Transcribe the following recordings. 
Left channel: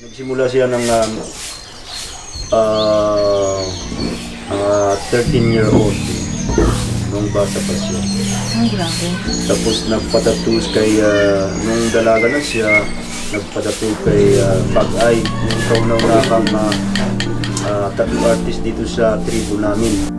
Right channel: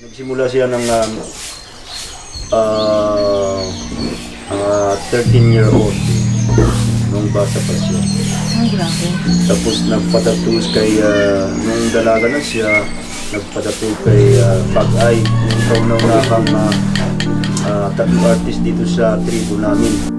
Nagsimula siya ng 13-year-old nung bata pa siya. Ay, grabe. Tapos nagpatattoo kay, nung dalaga na siya, nagpatattoo kay Pag-ay, yung kauna-unahang tattoo artist dito sa tribo namin.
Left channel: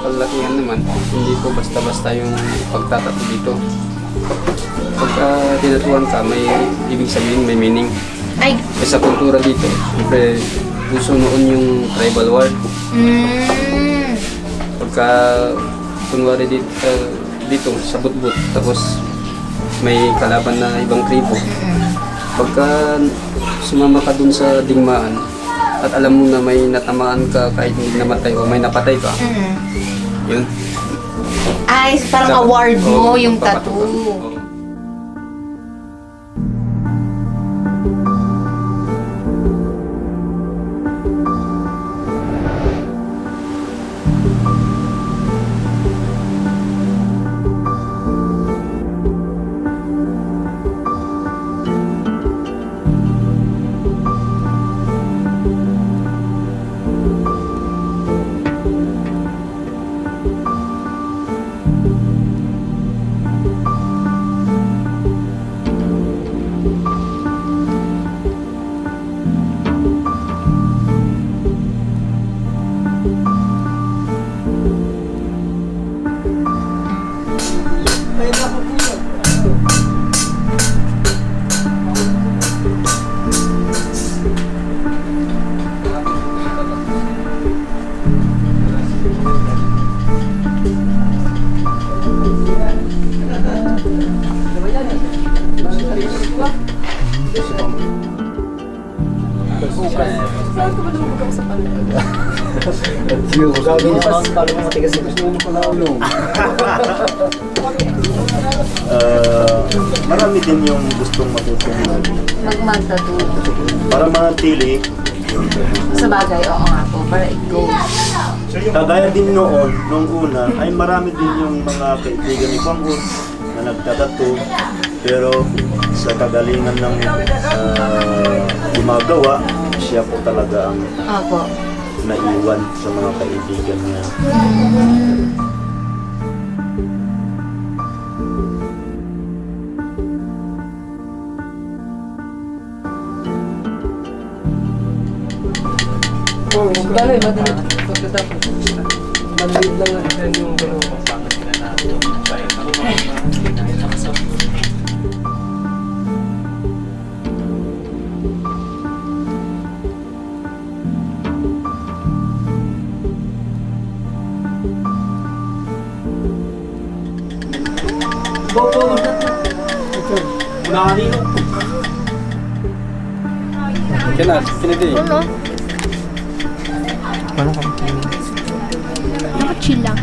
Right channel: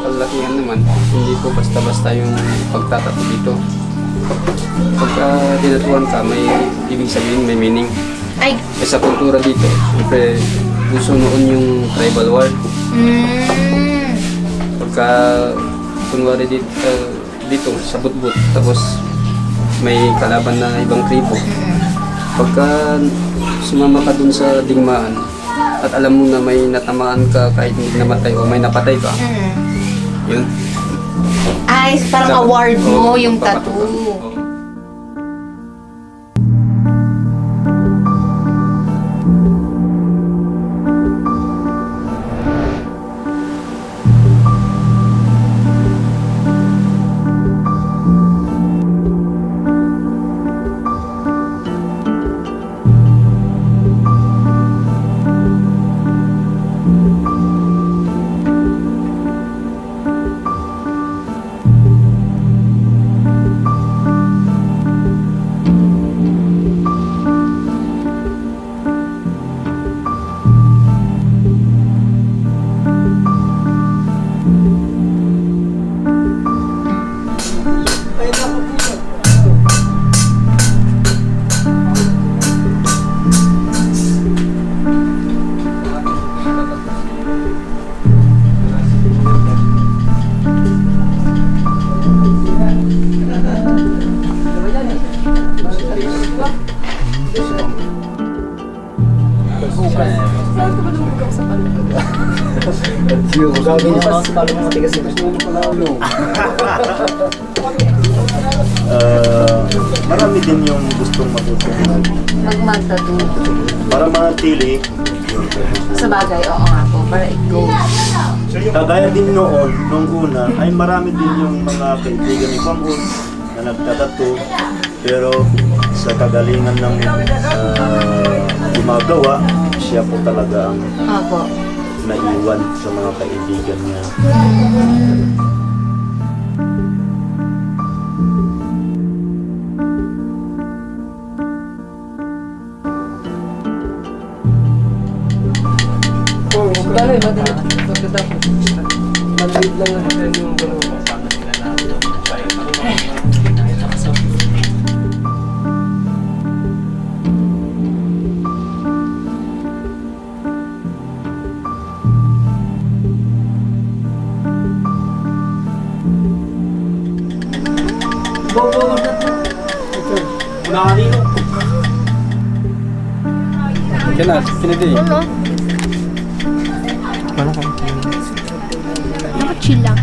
Kalakihan naman, hindi po basta-basta yung pagtatato dito. Pagka tinatuan ka, may ibig sabihin, may meaning. Ay. Sa kultura dito, siyempre gusto noon yung tribal war. Pagka kunwari dito sa Budbud, tapos may kalaban na ibang tribo. Pagka sumama ka dun sa digmaan, at alam mo na may natamaan ka kahit hindi namatay o may napatay ka, yun. Ay, parang award mo yung tattoo. Saan ka ba lumubog ako sa palubog? Sabi niya pa sa talo mo matigas yung gusto mo pala ulo. Marami din yung gustong matutong Mag-tattoo. para manatili. Sa bagay, oo nga po. Para it goes. Kagaya din noon, nung una, ay marami din yung mga kaibigan ni Kwang-un na nagtatato. Pero sa kagalingan ng gumagawa, siya po talaga ang naiwan sa mga kaibigan niya. Bale, madali. Pagkatapos. Maliit lang ang design yung dalawa. Nakachil lang.